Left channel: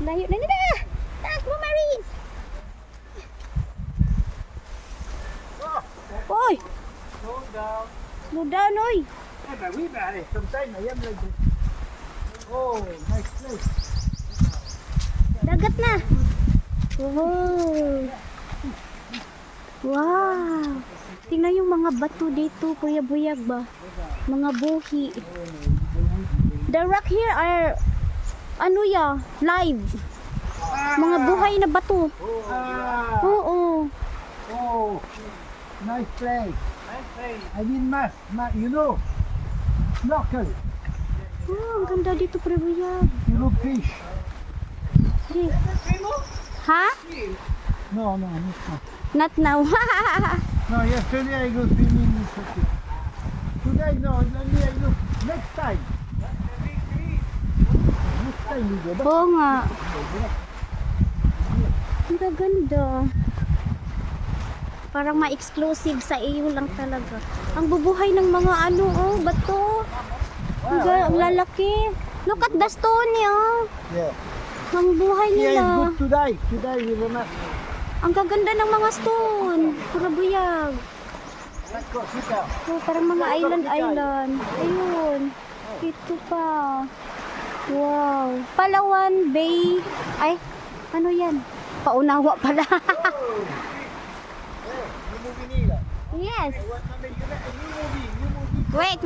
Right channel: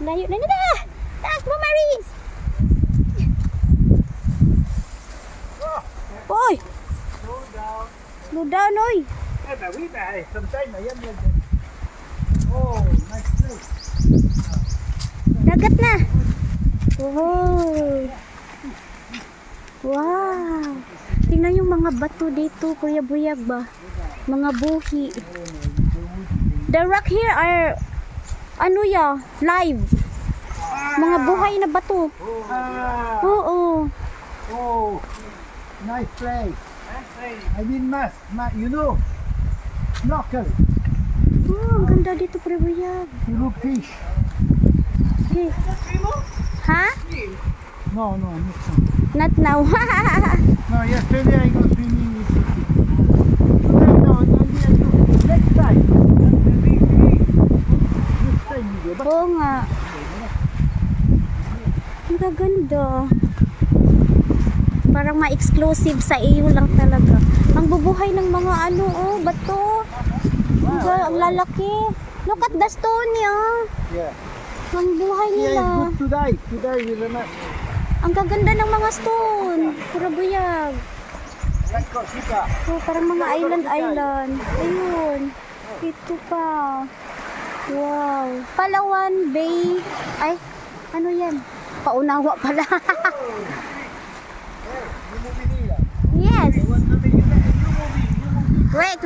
Layo na nila. Takbo, Maris. Oy. Slow down. Slow down, oy. Eh, ben oui, ben allez, comme ça, il m'a le... Oh, nice place. Dagat na. Oh. Wow. Tingnan yung mga bato dito, Kuya Buyag ba? Mga buhi. The rock here are ano ya, live. Mga buhay na bato. Ah, Oo. oh, nice place. I need mask, you know, snorkel, Oh, ang ganda dito, Kuya Buyag. you look fish. Di. Ha? No, no, Not now. no, yesterday I go swimming with the fish. Today, no, only I go next time. Next time we go. Oo nga. Ang gaganda. Parang ma-exclusive sa iyo lang talaga. Ang bubuhay ng mga ano, oh, bato. Ang lalaki. Look at the stone, Yeah. Ang buhay Here is nila. good to die with a mask. Ang gaganda ng mga stone. Pura buyag. Like Corsica. Oh, parang mga island. Ayun. Ito pa. Wow. Palawan Bay. Ay, ano yan? Paunawa pala. You movie nila. Yes. You want to make a new movie. Wait.